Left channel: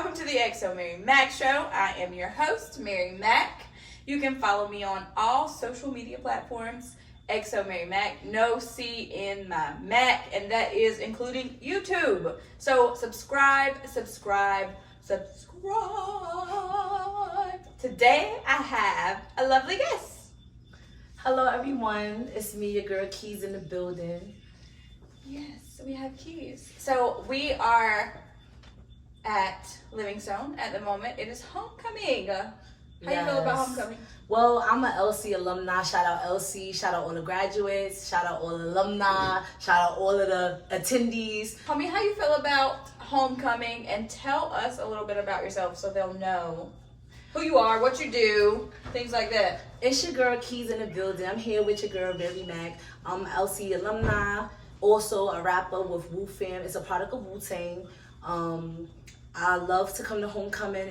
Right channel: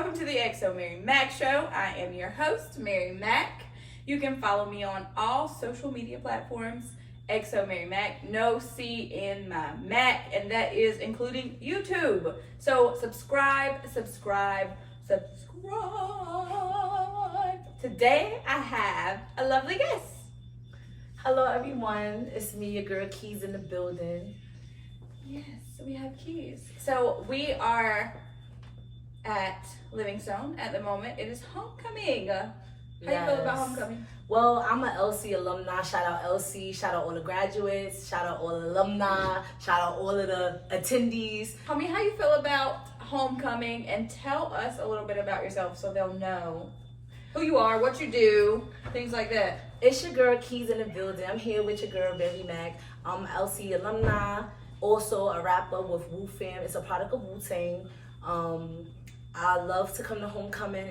welcome to the XoMaryMak show. I am your host, MaryXNoah. You can follow me on all social media platforms, XoMaryMak, no C in my Mac, and that is including YouTube. So subscribe. Today I have a lovely guest. Hello everyone, it's me, your girl Keyz in the building. Yes, we have Keyz. So we are at Livingstone at the moment. It is homecoming. How you feel about homecoming? Well, I'm an LC alumni. Shout out LC. Shout out all the graduates. Shout out all the alumni. Shout out all of the attendees. Tell me how you feel about homecoming and tell us a little bit about yourself so they'll know who you are, what you do, things like that. It's your girl Keyz in the building. I'm here with your girl MaryXNoah. I'm an LC alumni. Also a rapper with wu-tang. It's a product of wu-tang. I love to come to homecoming.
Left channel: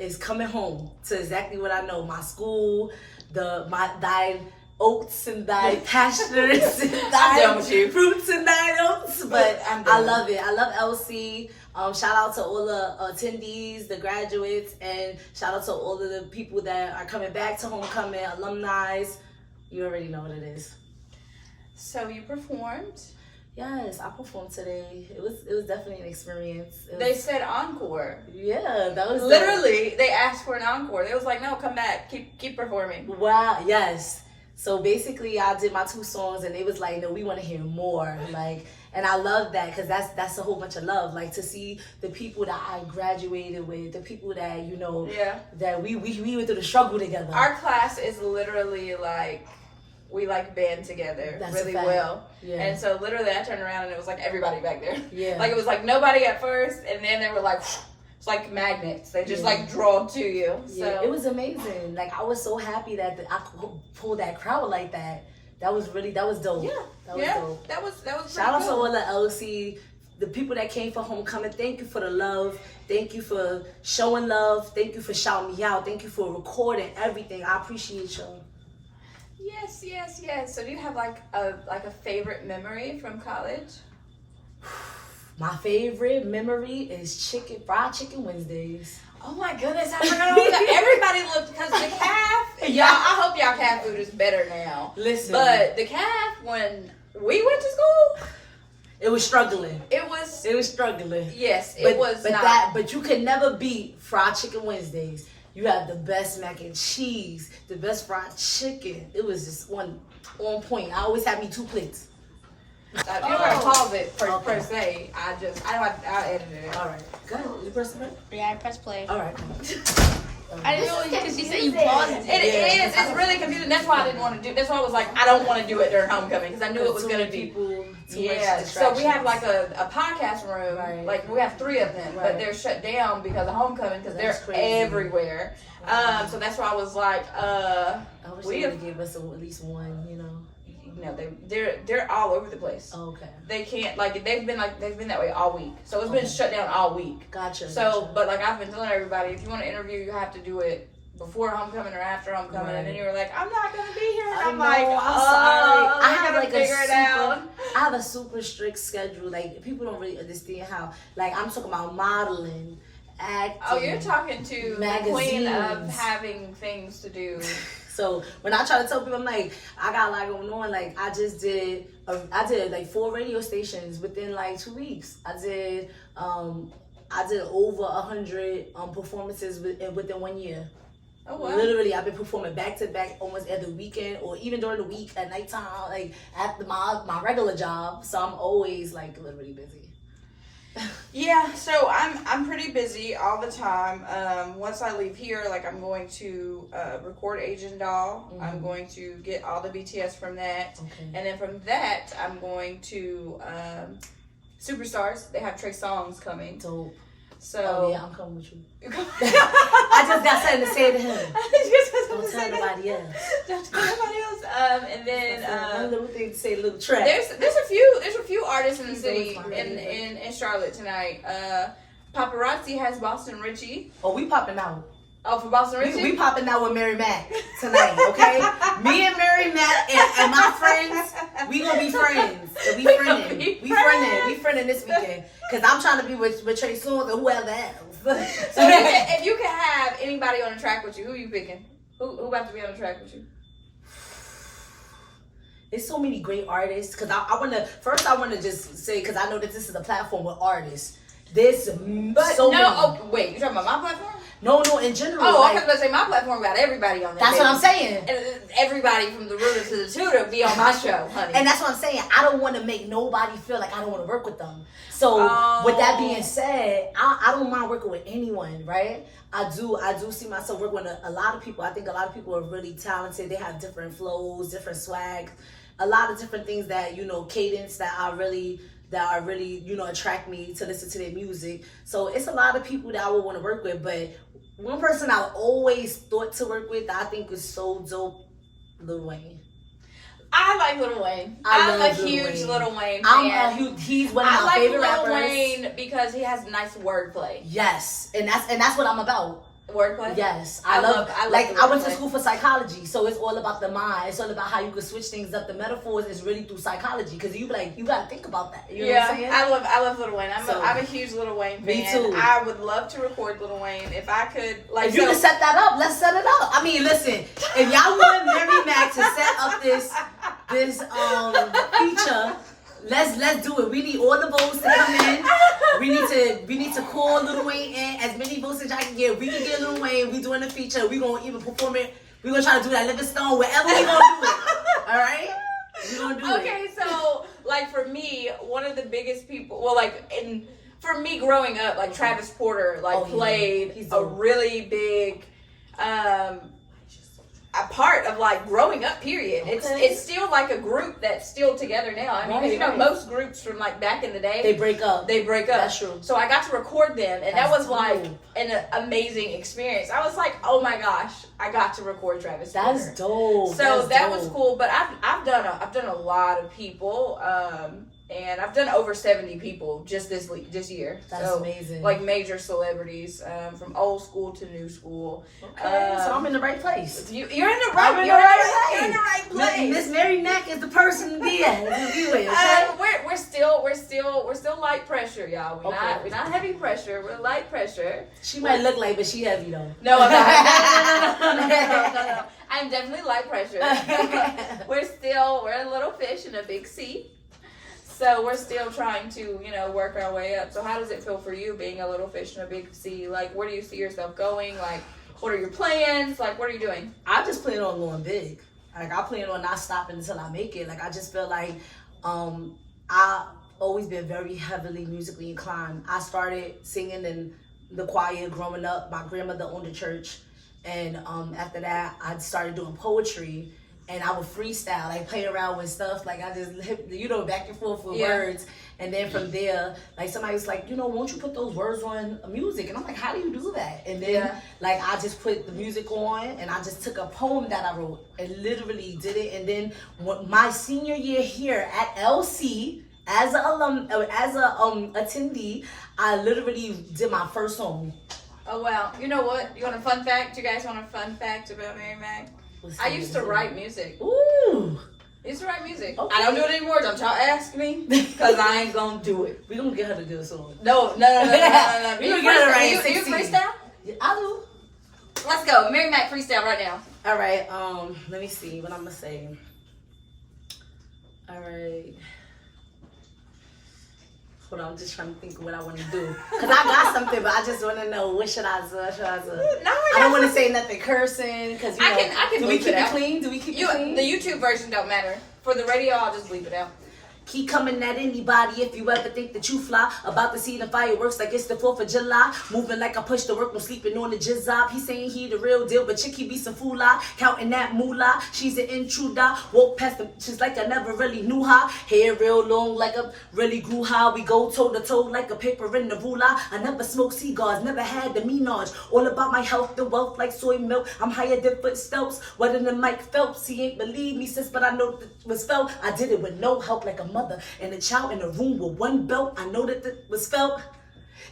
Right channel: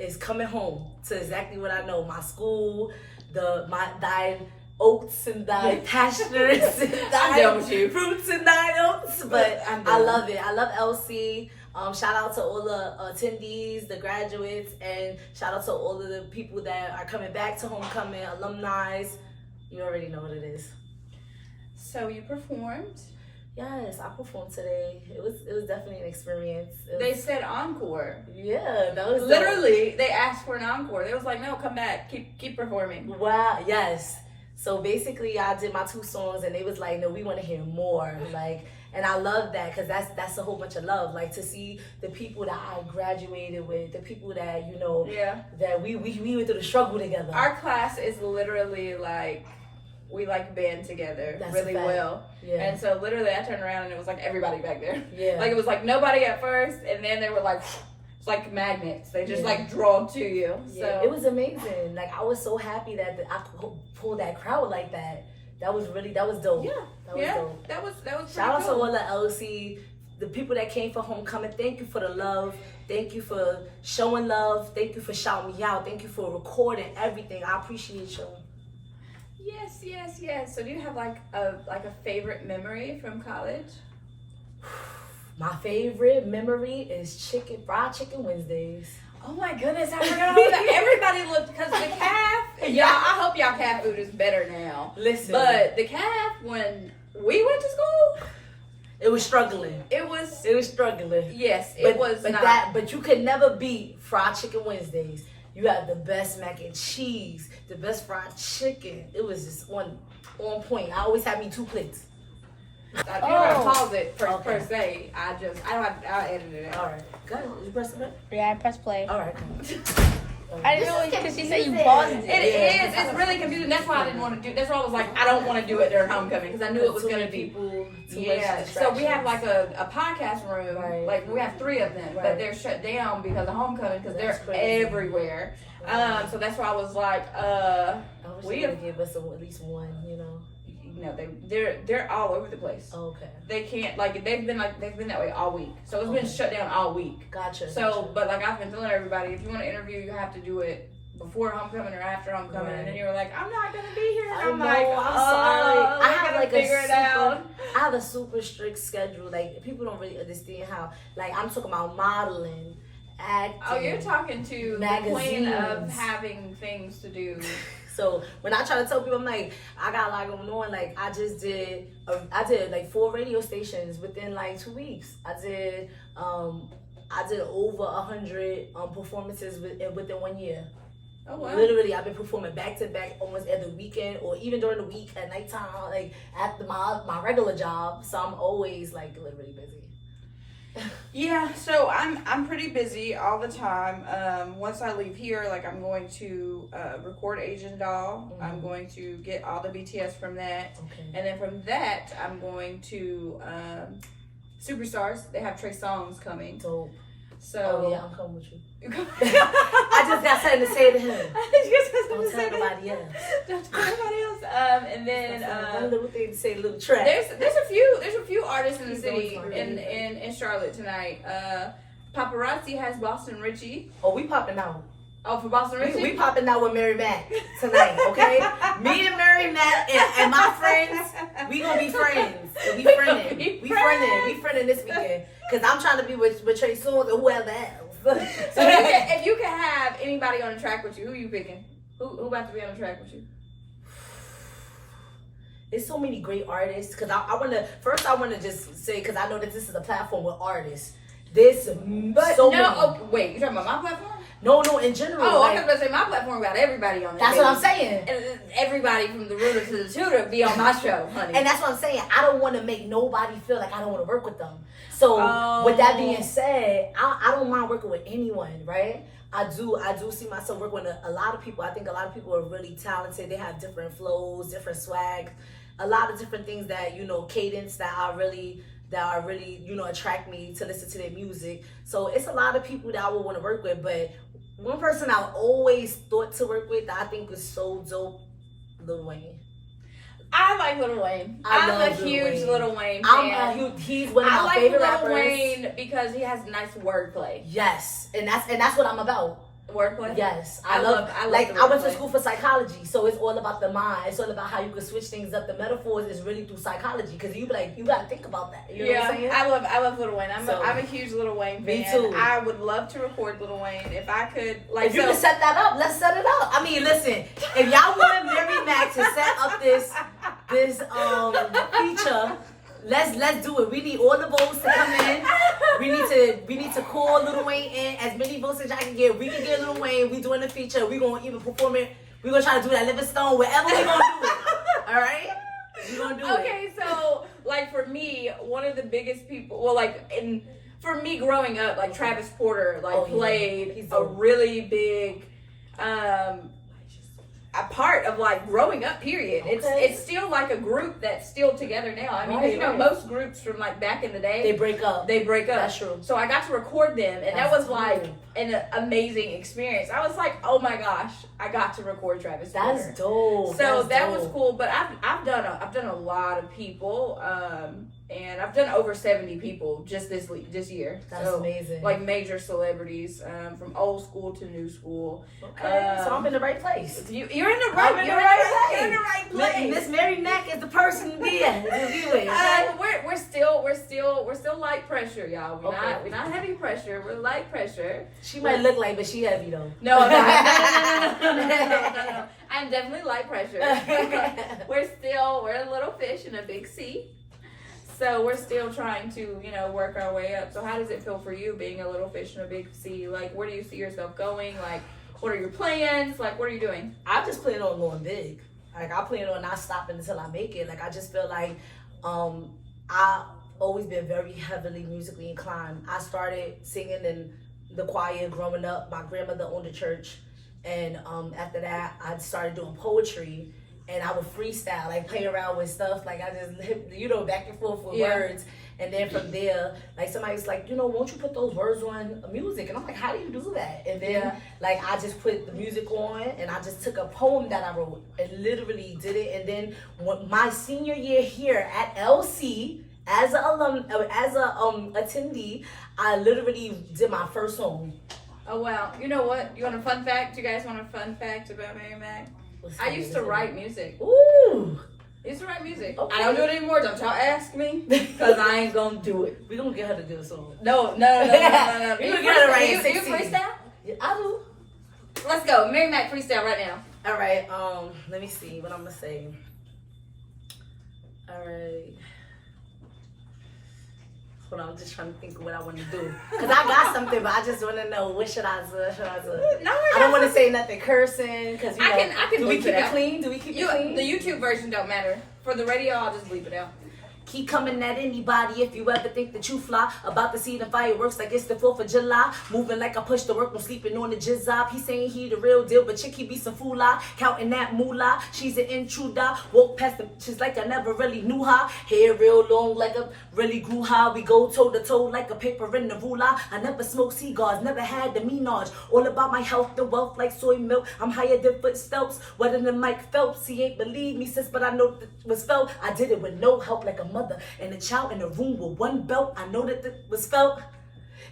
It's coming home to exactly what I know. My school, thy oats and thy pastures and thy fruits and thy oats. But I love it. I love LC. Shout out to all the attendees, the graduates, and shout out to all of the people that are coming back to homecoming, alumni. You already know what it is. So you performed. Yes, I performed today. It was definitely an experience. They said encore. Yeah, that was literally dope. They asked for an encore. They was like, no, come back, keep performing. Wow, yes. So basically, I did my 2 songs, and they was like, no, we want to hear more. Like, and I love that because that's a whole bunch of love. Like to see the people that I graduated with, the people that that we went through the struggle together. Our class is literally like. We like band together really well. Yeah. And so literally I turned around and it was like everybody back there. Yeah. Like it was like nobody at first and then they were like, it's like magnets. They just like draw to you. Yeah, so. It was amazing. Like I was so happy that I could pull that crowd like that. That was dope. Yeah. That was dope. That was Shout out to all the LC, the people that came for homecoming. Thank you for the love. Thank you for showing love. Thank you for shouting me out. Thank you for recording everything. I appreciate you. Yes. So do you have like a favorite memory from college? My favorite memory is fried chicken Wednesdays. Oh my goodness, I forgot all that. Everybody looked, because the calf, y'all, I hope y'all calf food is better now. Listen. But the calf, when we went to school, it was struggling. It was struggling. Yes, it was But you could never beat fried chicken Wednesdays. You have the best mac and cheese, the best fried chicken. It was just on point. I always had me 2 plates. I don't want to pause it per se. I'll edit it out. All right. Go ahead. You press play? Yeah, I press play. All right. I didn't know because she said you paused it. It is. It's really confusing. That's why I didn't want to do. That's why I was like, I don't want to do it during homecoming because I knew it was going to be. Yeah. So we have like a podcast room. Right. Like we have 3 of them, but they're shut down because of homecoming because they're everywhere. So that's why I was like, I wish they would give us at least one. You know. No, they're all over the place. Okay. They can't they've been that way all week. So it's been shut down all week. Gotcha. So, but like I've been telling everybody, if you want to interview, you have to do it before homecoming or after homecoming. And then you were like, I'm not gonna be here. And I'm like, I'm sorry. I have like I have a super strict schedule. Like people don't really understand how. Like I'm talking about modeling, acting. Oh, you're talking to magazines. The queen of having things to do. So when I try to tell people, I'm like, I got a lot going on. Like I did like 4 radio stations within like 2 weeks. I did over 100 performances within 1 year. Oh wow! Literally, I've been performing back to back almost every weekend, or even during the week at nighttime, like at my regular job. So I'm always like literally busy. Yeah, so I'm pretty busy all the time. Once I leave here, like I'm going to record Asian Doll. Mm-hmm. I'm going to get all the BTS from that, and then from that I'm going to Superstars. They have Trey Songz coming. Dope. So yeah, I'm coming with you. I just got something to say to him. Don't tell nobody else. Don't tell nobody else. And then one little thing to say, a little track. There's a few artists in the city in Charlotte tonight. Paparazzi has Boston Richie. Oh, we popping out. Oh, for Boston Richie? We popping out with MaryXNoah tonight, okay? Me and MaryXNoah and my friends, we gonna be friends. And we friending this weekend. Cause I'm trying to be with Trey Songz and whoever else. So if you could have anybody on the track with you, who you picking? Who about to be on the track with you? There's so many great artists. Cause I wanna just say, cause I know that this is a platform with artists. There's so many. Oh, wait, you talking about my platform? No, in general. Oh, I was going to say my platform got everybody on there. That's what I'm saying. And everybody from the rooter to the tutor be on my show, honey. And that's what I'm saying. I don't want to make nobody feel like I don't want to work with them. So with that being said, I don't mind working with anyone, right? I do see myself working with a lot of people. I think a lot of people are really talented. They have different flows, different swag, a lot of different things that, cadence that are really, attract me to listen to their music. So it's a lot of people that I would want to work with. But one person I always thought to work with that I think was so dope, Lil Wayne. I like Lil Wayne. I'm a huge Lil Wayne fan. He's one of my favorite rappers. I like Lil Wayne because he has nice wordplay. Yes, and that's what I'm about. Wordplay? Yes. I went to school for psychology, so it's all about the mind. It's all about how you can switch things up. The metaphors is really through psychology, because you gotta think about that. You know what I'm saying? I love Lil Wayne. I'm a huge Lil Wayne fan. Me too. I would love to record Lil Wayne if I could. If you can set that up, let's set it up. I mean, listen, if y'all want MaryXNoah to set up this feature, let's do it. We need all the votes to come in. We need to call Lil Wayne in, as many votes as y'all can get. We can get Lil Wayne. We doing the feature. We gonna even perform it. We gonna try to do that Livingstone, wherever we gonna do it. All right, we gonna do it. Okay, so for me, one of the biggest people. Well, for me growing up, Travis Porter played a really big a part of growing up, period. Okay. It's still a group that's still together now. I mean, most groups from back in the day, they break up. That's true. So I got to record them, and that was an amazing experience. I was like, oh my gosh, I got to record Travis Porter. That's dope. So that was cool. But I've done a lot of people. And I've done over 70 people just this year. That's amazing. Major celebrities, from old school to new school. Okay, so I'm in the right place. You're in the right place. Miss MaryXNoah is the person to be at. We're still light pressure, y'all. We're not heavy pressure. We're light pressure. She might look light, but she heavy though. No, I'm not. No. I'm definitely light pressure. We're a little fish in a big sea. So we're still trying to, work our way up. So how does it feel for you being a little fish in a big sea? Where do you see yourself going? What are your plans? What are you doing? I just plan on going big. I plan on not stopping until I make it. I just feel like I've always been very heavily musically inclined. I started singing in the choir growing up. My grandmother owned a church. And after that, I started doing poetry. And I would freestyle, play around with stuff. I just, back and forth with words. And then from there, somebody was like, won't you put those words on music? And I'm like, how do you do that? And then, I just put the music on, and I just took a poem that I wrote and literally did it. And then my senior year here at LC, as a attendee, I literally did my first song. Oh, wow. You know what? You want a fun fact? You guys want a fun fact about MaryXNoah? I used to write music. Ooh. I used to write music. Okay. I don't do it anymore. Don't y'all ask me, because I ain't gonna do it. We gonna get her to do a song. No. We gonna get her to write You freestyle? Yeah, I do. Let's go. MaryXNoah freestyle right now. All right. Let me see what I'm gonna say. All right. Hold on, I'm just trying to think of what I want to do. Because I got something, but I just want to know what should I do? No, I don't want to say nothing cursing. Because I can do we bleep keep it it out. clean? Do we keep it clean? The YouTube version don't matter. For the radio, I'll just bleep it out. Keep coming at anybody if you ever think that you fly. About to see the fireworks like it's the 4th of July. Moving like I push the work, I'm sleeping on the jizzab. He saying he the real deal, but chick he be some foolah. Counting that moolah, she's an intruder. Walk past them, she's like I never really knew her. Hair real long like I really grew high. We go toe to toe like a paper in the ruler. I never smoked cigars, never had the menage. All about my health and wealth like soy milk. I'm higher than footsteps, wetter than Mike Phelps. He ain't believe me sis, but I know that was felt. I did it with no help like a mother and a child in a room with one belt. I know that it was felt.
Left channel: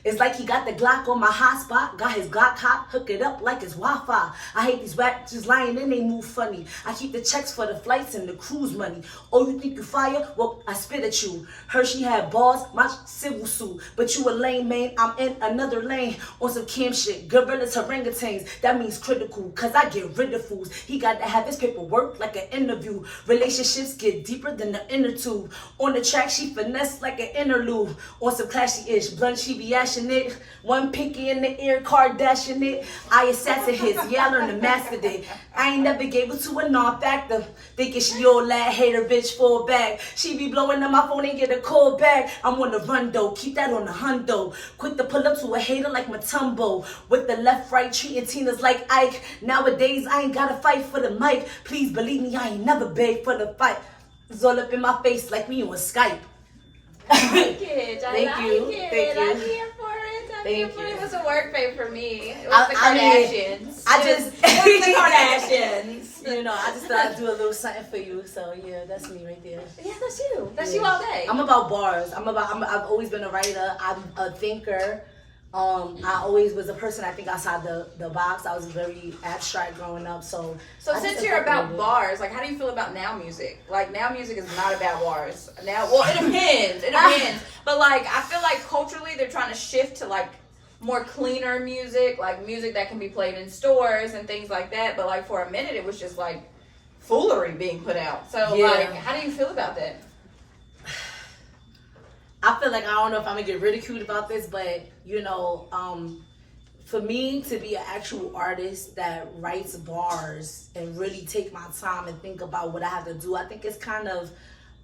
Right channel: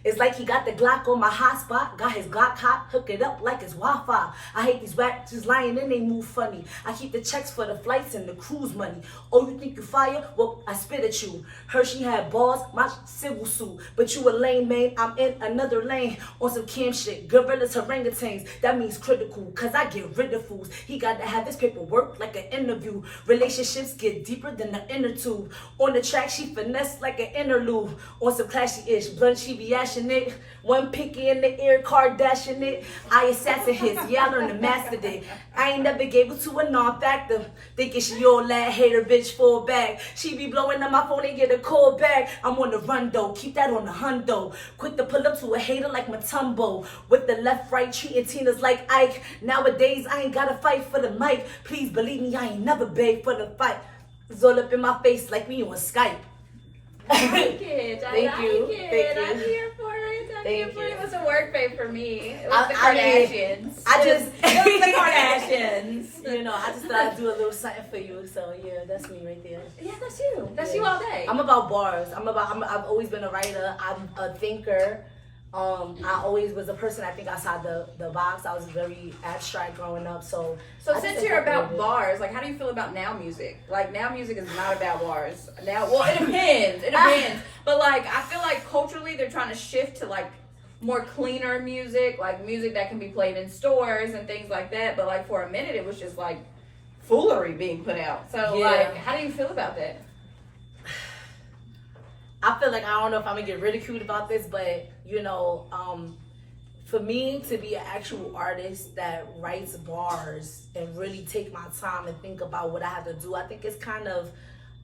It's like he got the Glock on my hotspot, got his Glock hot, hook it up like it's Wi-Fi. I hate these whack just lying and they move funny. I keep the checks for the flights and the cruise money. Oh, you think you fire? Well, I spit at you. Heard she had balls, my civil suit. But you a lame man, I'm in another lane. On some cam shit, gorillas, orangutans. That means critical, cause I get rid of fools. He got to have his paperwork like an interview. Relationships get deeper than the inner tube. On the track, she finesse like an interlude. On some classy-ish, blunt, she be ashing it. One pinky in the ear, Kardashian it. I assassin hits, yeah, I learned to master it. I ain't never gave it to a non-factor. Thinking she old lad, hater bitch, fall back. She be blowing up my phone and get a call back. I'm on the run though, keep that on the hundo. Quick to pull up to a hater like Matumbo. With the left, right, treating Tina's like Ike. Nowadays, I ain't gotta fight for the mic. Please believe me, I ain't never begged for the fight. It's all up in my face like we on Skype. I like it. Thank you. I'm here for it. I'm here for it. It was a work day for me. It was I the Kardashians. It was the Kardashians. You know, I just thought I'd do a little something for you. So yeah, that's me right there. Yeah, that's you. That's you all day. I'm about bars. I've always been a writer. I'm a thinker. I always was a person, I think, outside the box. I was very abstract growing up. So since you're about bars, like, how do you feel about now music? Like, now music is not about bars. Now, well, it depends. It depends. But like, I feel like culturally they're trying to shift to like more cleaner music, like music that can be played in stores and things like that. But like for a minute, it was just like foolery being put out. So like, how do you feel about that? I feel like I don't know if I'm gonna get ridiculed about this, but you know, for me to be an actual artist that writes bars and really take my time and think about what I have to do, I think it's kind of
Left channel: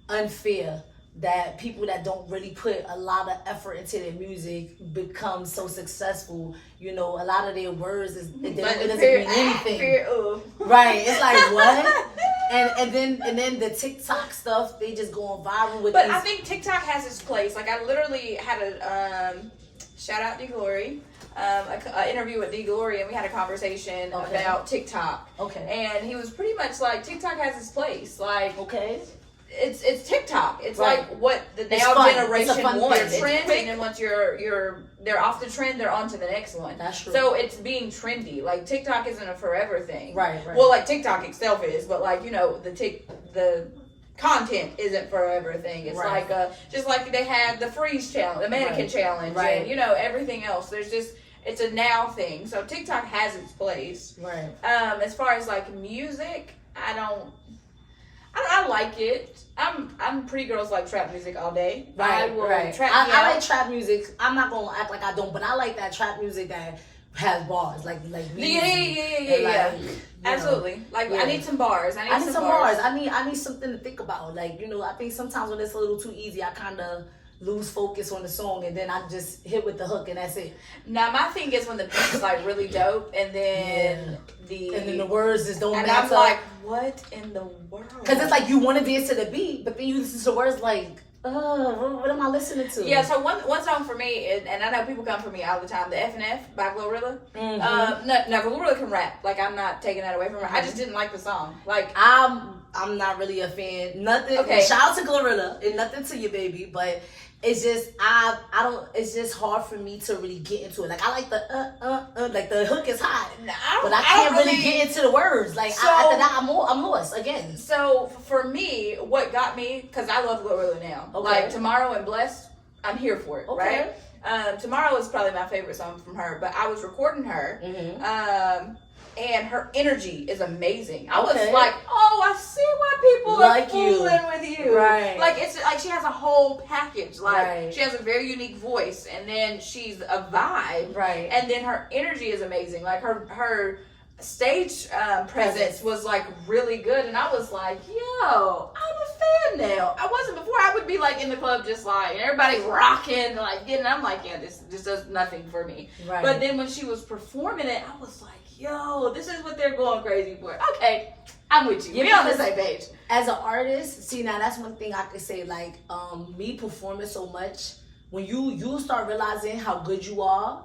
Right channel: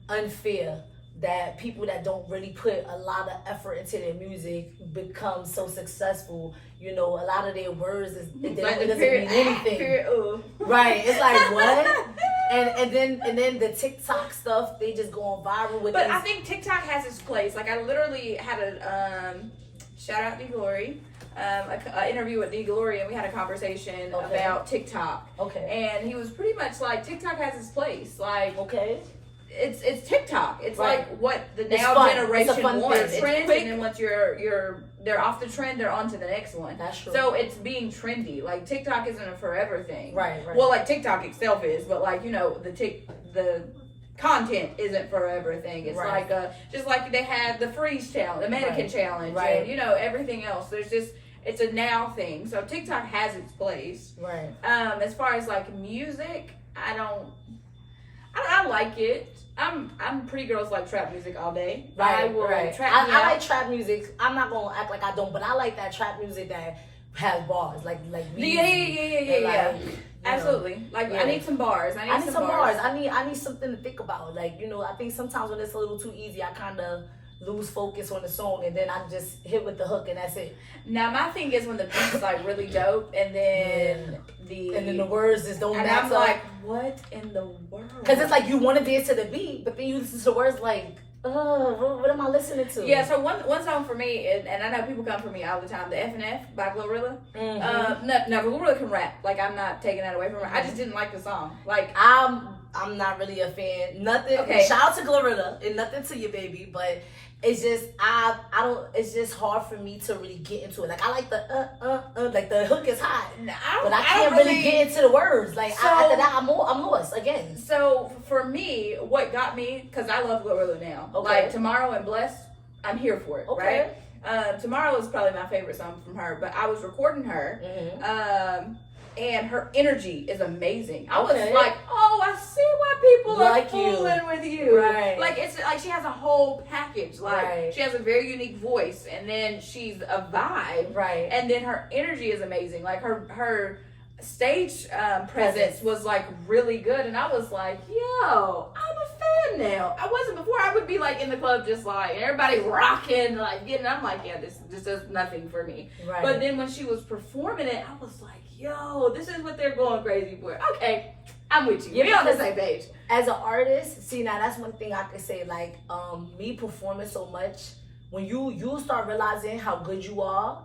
unfair that people that don't really put a lot of effort into their music become so successful. You know, a lot of their words it doesn't mean anything. Right? It's like what? And then the TikTok stuff, they just go on viral with. But I think TikTok has its place. Like I literally had a shout out D Glory, an interview with D Glory, and we had a conversation about TikTok. Okay. And he was pretty much like, TikTok has its place. Like it's TikTok. It's like what the now generation wants. It's trends, and then once they're off the trend, they're on to the next one. That's true. So it's being trendy. Like TikTok isn't a forever thing. Right. Well, like TikTok itself is, but like, you know, the content isn't forever thing. It's like just like they had the freeze challenge, the mannequin challenge, and you know, everything else. There's just, it's a now thing. So TikTok has its place. Right. As far as like music, I like it. I'm pretty girls like trap music all day. Right. I like trap music. I'm not gonna act like I don't, but I like that trap music that has bars, like yeah. Absolutely. Like I need some bars. I need some bars. I need something to think about. Like, you know, I think sometimes when it's a little too easy, I kind of lose focus on the song, and then I just hit with the hook, and that's it. Now my thing is when the beat is like really dope, and then the words just don't match up. And I'm like, what in the world? Because it's like you want to dance to the beat, but then you listen to the words like, oh, what am I listening to? Yeah, so one song for me, and I know people come for me all the time, the F&F by Glorilla. No, Glorilla can rap. Like, I'm not taking that away from her. I just didn't like the song. Like, I'm not really a fan. Nothing. Okay. Shout out to Glorilla, and nothing to you, baby, but it's just I don't. It's just hard for me to really get into it. Like I like the like the hook is hot, but I can't really get into the words. Like after that, I'm lost again. So for me, what got me, because I love Glorilla now. Okay. Like Tomorrow and Blessed, I'm here for it. Okay. Right. Tomorrow is probably my favorite song from her, but I was recording her. And her energy is amazing. I was like, oh, I see why people like are fooling with you. Right. Like, it's like she has a whole package. Like, she has a very unique voice, and then she's a vibe. Right. And then her energy is amazing. Like, her stage presence was, like, really good. And I was like, yo, I'm a fan now. I wasn't before. I would be, like, in the club just, like, everybody rocking, like, getting. I'm like, yeah, this does nothing for me. Right. But then when she was performing it, I was like, yo, this is what they're going crazy for. Okay, I'm with you. We're on the same page. As an artist, see, now that's one thing I could say, like, me performing so much, when you start realizing how good you are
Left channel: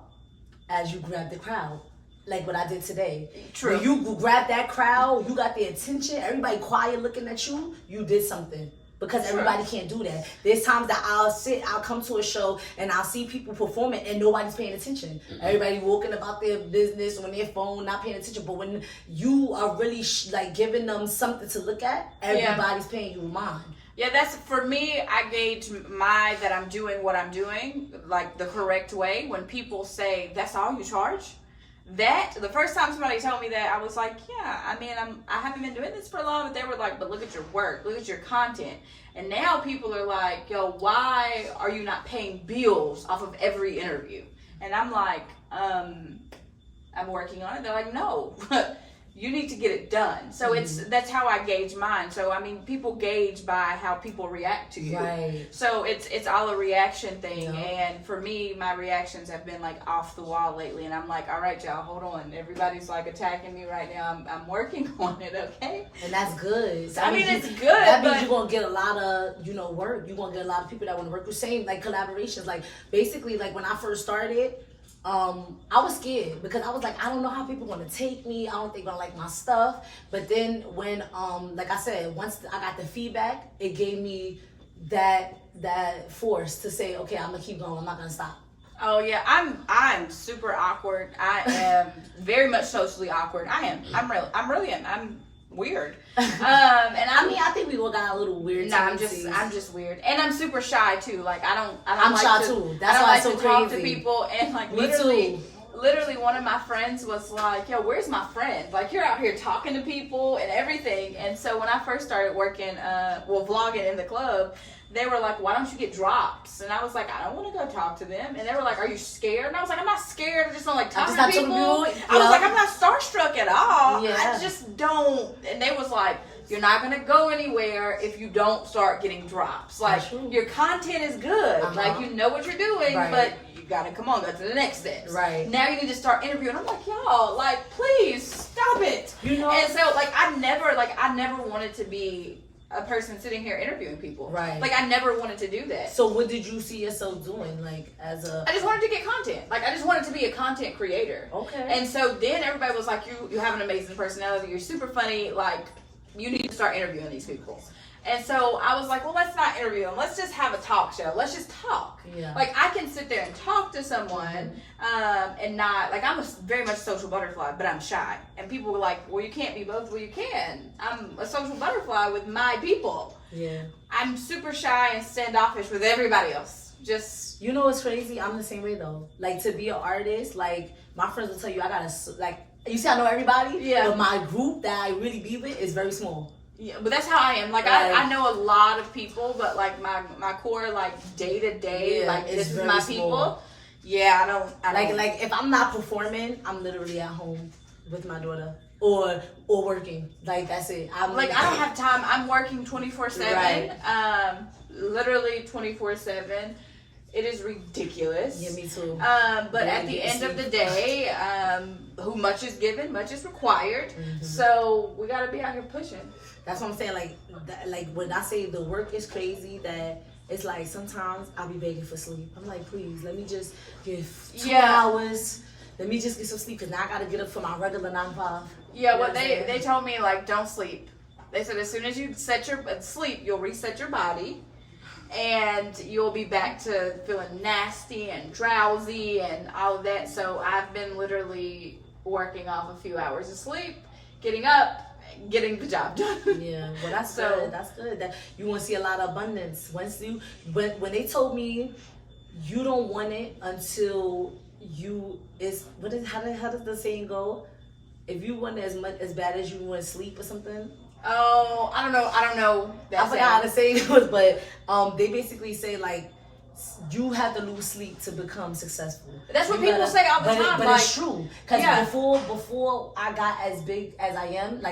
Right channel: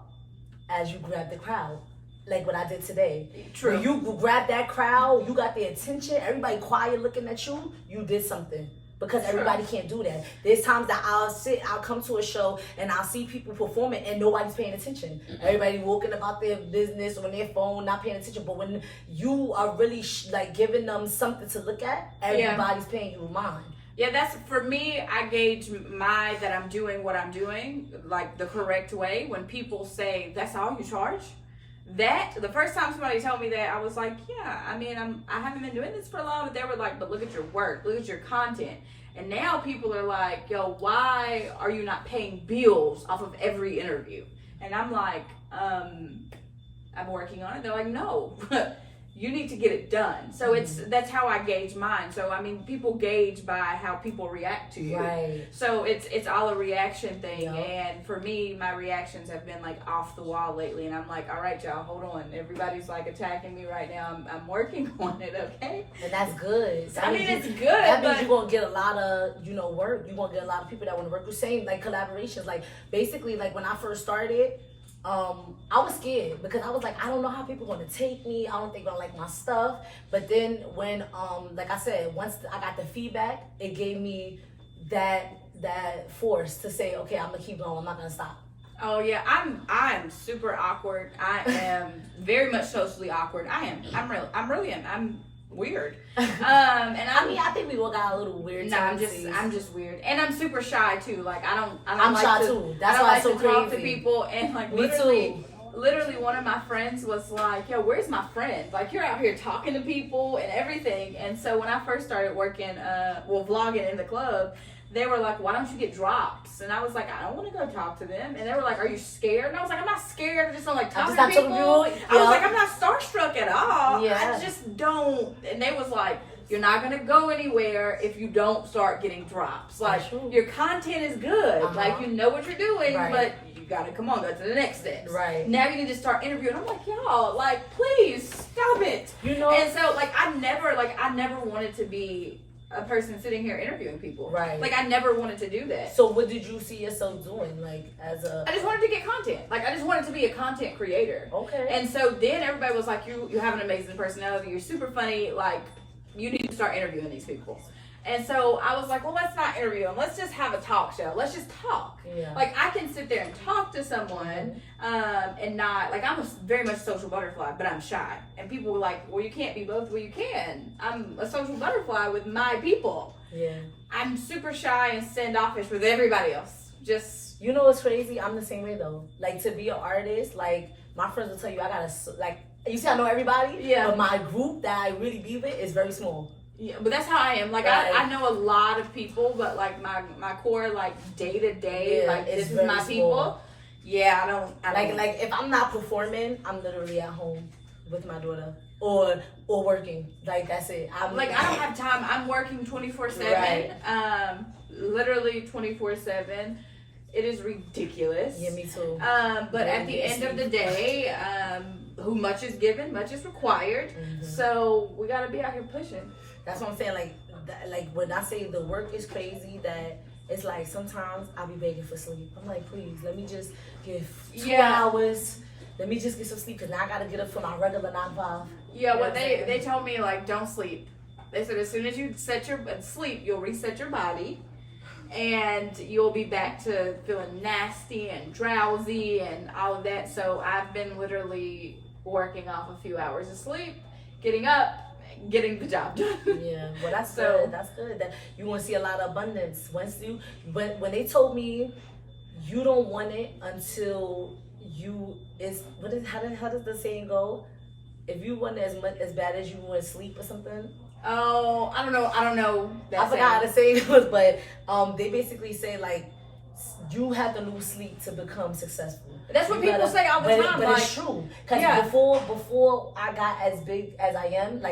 as you grab the crowd. Like what I did today. True. When you grab that crowd, you got their attention, everybody quiet looking at you, you did something. because everybody can't do that. There's times that I'll come to a show and I'll see people performing and nobody's paying attention. Everybody walking about their business on their phone, not paying attention. But when you are really like giving them something to look at, everybody's paying you mind. Yeah, that's for me. I gauge that I'm doing what I'm doing like the correct way. When people say that's all you charge, that the first time somebody told me that, I was like, yeah. I mean, I haven't been doing this for long, but they were like, but look at your work, look at your content. And now people are like, yo, why are you not paying bills off of every interview? And I'm like, I'm working on it. They're like, no. You need to get it done. So that's how I gauge mine. So I mean, people gauge by how people react to you. Right. So it's all a reaction thing. Yep. And for me, my reactions have been like off the wall lately. And I'm like, all right, y'all, hold on. Everybody's like attacking me right now. I'm working on it, okay? And that's good. I mean, it's good. That means you're gonna get a lot of work. You're gonna get a lot of people that want to work with. Same like collaborations. Like basically, like when I first started. I was scared because I was like, I don't know how people are gonna take me. I don't think they're gonna like my stuff. But then when, like I said, once I got the feedback, it gave me that force to say, okay, I'm gonna keep going. I'm not gonna stop. Oh yeah, I'm super awkward. I am very much socially awkward. I'm weird. And I think we all got a little weird. No, I'm just weird, and I'm super shy too. Like I'm like shy to, too. That's I don't why like it's so to talk crazy. to people, and like Me too. Literally, one of my friends was like, "Yo, where's my friend? Like, you're out here talking to people and everything." And so when I first started working, vlogging in the club, they were like, why don't you get drops? And I was like, I don't want to go talk to them. And they were like, are you scared? And I was like, I'm not scared. I just don't like talking to people. I was like, I'm not starstruck at all. Yeah. I just don't. And they was like, you're not going to go anywhere if you don't start getting drops. Like, your content is good. Like, you know what you're doing, but you got to, go to the next step. Right. Now you need to start interviewing. I'm like, y'all, like, please stop it. You know? And so, like, I never wanted to be a person sitting here interviewing people. Right. Like, I never wanted to do that. So what did you see yourself doing, like, as a... I just wanted to get content. Like, I just wanted to be a content creator. Okay. And so then everybody was like, you have an amazing personality. You're super funny. Like, you need to start interviewing these people. And so I was like, well, let's not interview them. Let's just have a talk show. Let's just talk. Yeah. Like, I can sit there and talk to someone and not, like, I'm very much social butterfly, but I'm shy. And people were like, well, you can't be both. Well, you can. I'm a social butterfly with my people. Yeah. I'm super shy and standoffish with everybody else. Just. You know what's crazy? I'm the same way, though. Like, to be an artist, like, my friends will tell you I gotta, like, you see I know everybody? Yeah. But my group that I really be with is very small. Yeah, but that's how I am. Like, I know a lot of people, but like my core, like day to day, like this is my people. Yeah, I don't like if I'm not performing, I'm literally at home with my daughter or working. Like, that's it. I'm like, I don't have time. I'm working 24/7. Literally 24/7. It is ridiculous. Yeah, me too. But at the end of the day, who much is given, much is required. So we gotta be out here pushing. That's what I'm saying. Like when I say the work is crazy, that it's like sometimes I'll be begging for sleep. I'm like, please, let me just give 2 hours. Let me just get some sleep because now I gotta get up for my regular 9 to 5. Yeah, what they told me, like, don't sleep. They said as soon as you sleep, you'll reset your body. And you'll be back to feeling nasty and drowsy and all of that. So I've been literally working off a few hours of sleep, getting up, getting the job done. Yeah, well, that's good. That's good. That you want to see a lot of abundance. When they told me you don't want it until how does the saying go? If you want it as bad as you want to sleep or something. Oh, I don't know. I forgot how to say it was, but they basically say like you have to lose sleep to become successful. That's what people say all the time. But like, it's true. Because before I got as big as I am, I'm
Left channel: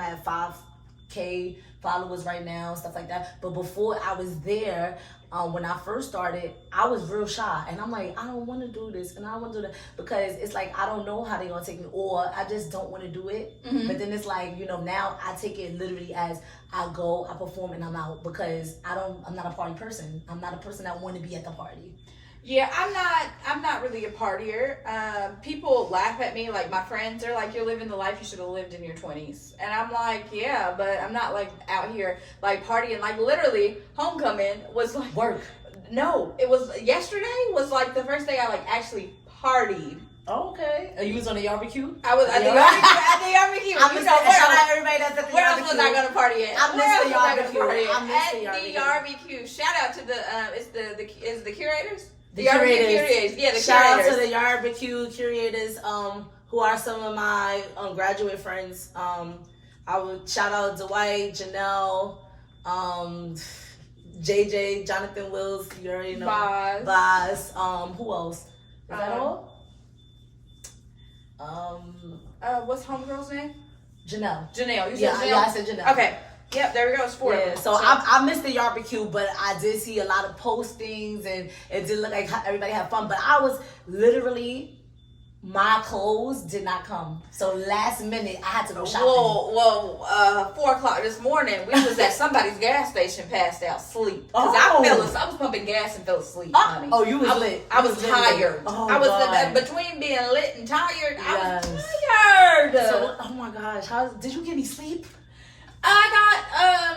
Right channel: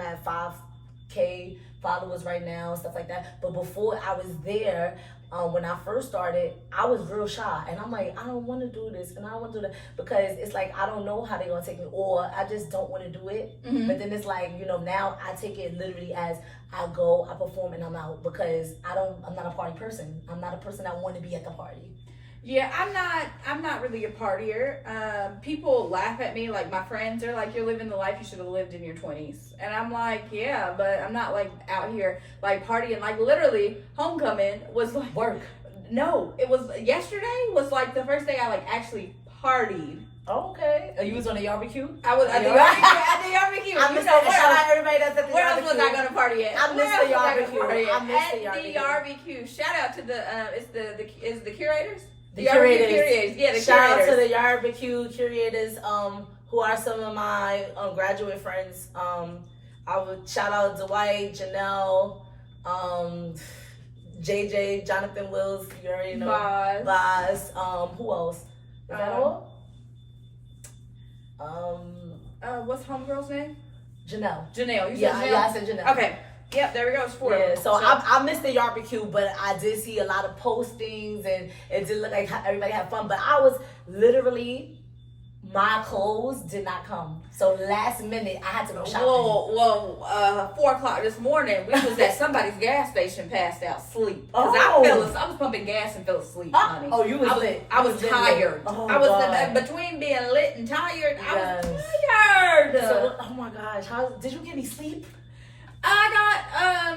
at 5K followers right now, stuff like that. But before I was there, when I first started, I was real shy, and I'm like, I don't want to do this, and I don't want to do that because it's like I don't know how they're gonna take me, or I just don't want to do it. But then it's like, now I take it literally as I go, I perform, and I'm out because I'm not a party person. I'm not a person that want to be at the party. Yeah, I'm not really a partier. People laugh at me, like my friends are like, "You're living the life you should have lived in your 20s," and I'm like, "Yeah, but I'm not like out here like partying." Like literally, homecoming was like Work. No, it was yesterday. Was like the first day I like actually partied. Okay. You was on the barbecue? I was at the barbecue. I miss shout out everybody that's at the Where barbecue. else was I gonna party at? I miss the barbecue. At the barbecue. Shout out to the is the curators. The curators. Yeah, the Shout curators. out to the barbecue curators, who are some of my graduate friends. I would shout out Dwight, Janelle, JJ, Jonathan Wills, you already know. Boz. Who else? Is that all? What's homegirl's name? Janelle. You said Janelle? Yeah, I said Janelle. Okay. Yep, there we go. It's 4 of them. So I missed the barbecue, but I did see a lot of postings, and it did look like everybody had fun. But I was literally, my clothes did not come. So last minute, I had to go shopping. Whoa, 4 o'clock this morning, we was at somebody's gas station, passed out asleep. Because I was pumping gas and fell asleep, honey. Oh, you was lit. I was tired. Oh, I was God. between being lit and tired. Yes. I was tired. So, oh my gosh, did you get any sleep? I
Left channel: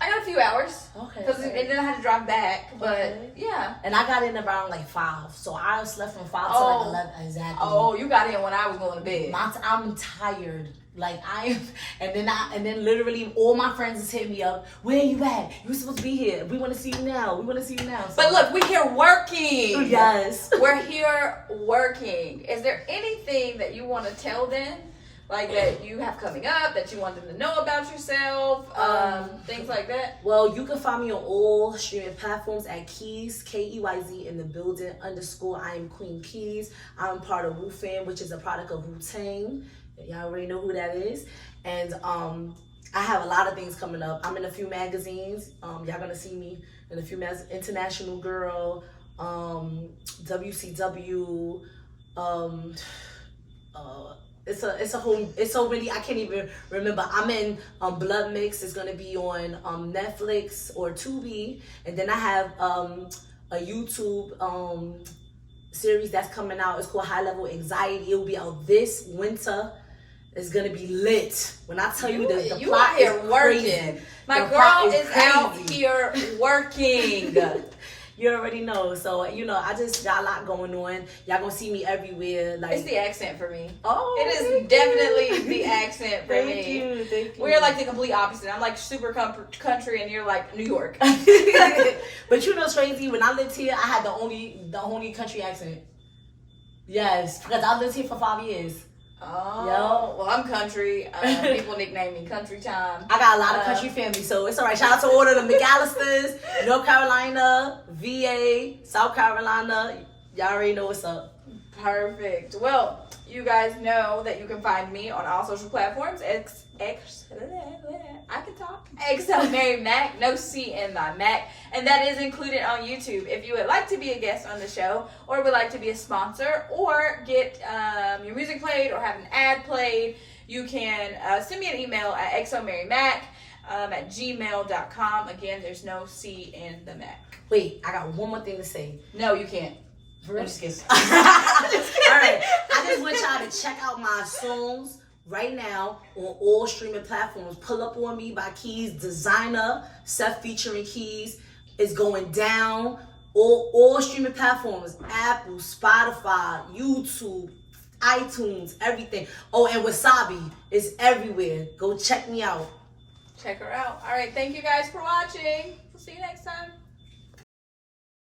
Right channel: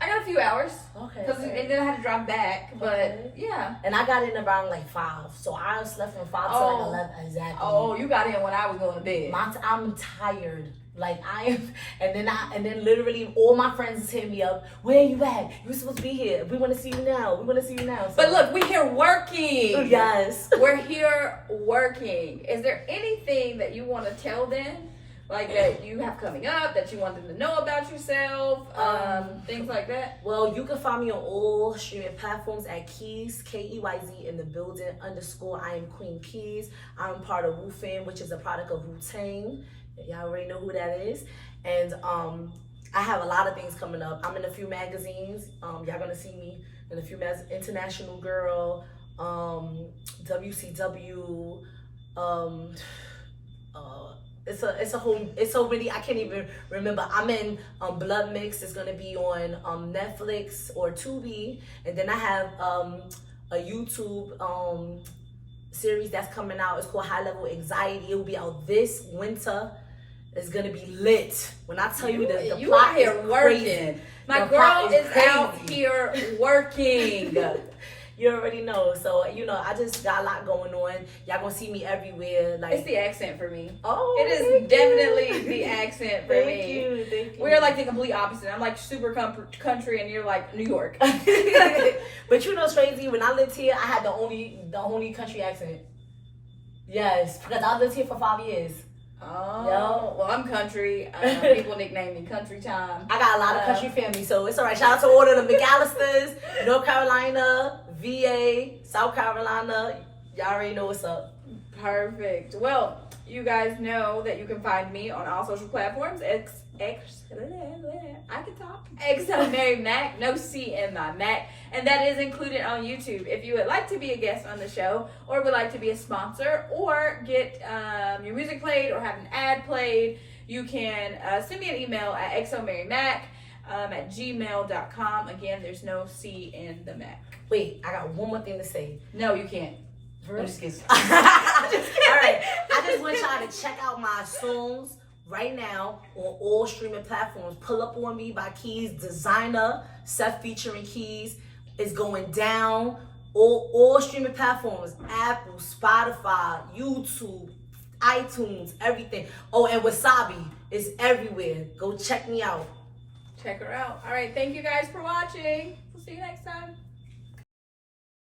got a few hours. Okay. And then I had to drive back. But Okay. yeah. And I got in around like 5. So I slept from 5 to like 11 exactly. Oh, you got in when I was going to bed. I'm tired. Like I am, and then literally all my friends is hitting me up. Where you at? You were supposed to be here. We want to see you now. So, But look, we're here working. Yes. We're here working. Is there anything that you want to tell them? Like that you have coming up, that you want them to know about yourself, things like that? Well, you can find me on all streaming platforms at Keyz, Keyz in the building _ I am Queen Keyz. I'm part of Wu Fam, which is a product of wu-tang. Y'all already know who that is. And I have a lot of things coming up. I'm in a few magazines. Y'all gonna see me in a few International Girl, WCW, it's so many, I can't even remember. I'm in Blood Mix. It's gonna be on Netflix or Tubi, and then I have a YouTube series that's coming out. It's called High Level Anxiety. It will be out this winter. It's gonna be lit. When I tell you the you plot out here is working. crazy. My The girl plot is out crazy. here working. You already know. So, I just got a lot going on. Y'all gonna see me everywhere. Like, It's the accent for me. oh, It is definitely the accent for Thank me. you. We're like the complete opposite. I'm like super country and you're like New York. But you know what's crazy? When I lived here, I had the only country accent. Yes, because I lived here for 5 years. Oh, Yo. well, I'm country. People nickname me Country Time. I got a lot of country family, so it's all right. Shout out to all of the McAllisters, North Carolina, VA, South Carolina. Y'all already know what's up. Perfect. Well, you guys know that you can find me on all social platforms. I can talk. XoMaryMak, no C in my Mac. And that is included on YouTube. If you would like to be a guest on the show, or would like to be a sponsor, or get your music played, or have an ad played, you can send me an email at XoMaryMak at gmail.com. Again, there's no C in the Mac. Wait, I got one more thing to say. No, you can't. I'm just kidding. All right, I just want y'all to check out my songs right now on all streaming platforms. Pull Up On Me by Keyz, Designer, Seth featuring Keyz. It's going down. All streaming platforms, Apple, Spotify, YouTube, iTunes, everything. Oh, and Wasabi is everywhere. Go check me out. Check her out. All right, thank you guys for watching. We'll see you next time.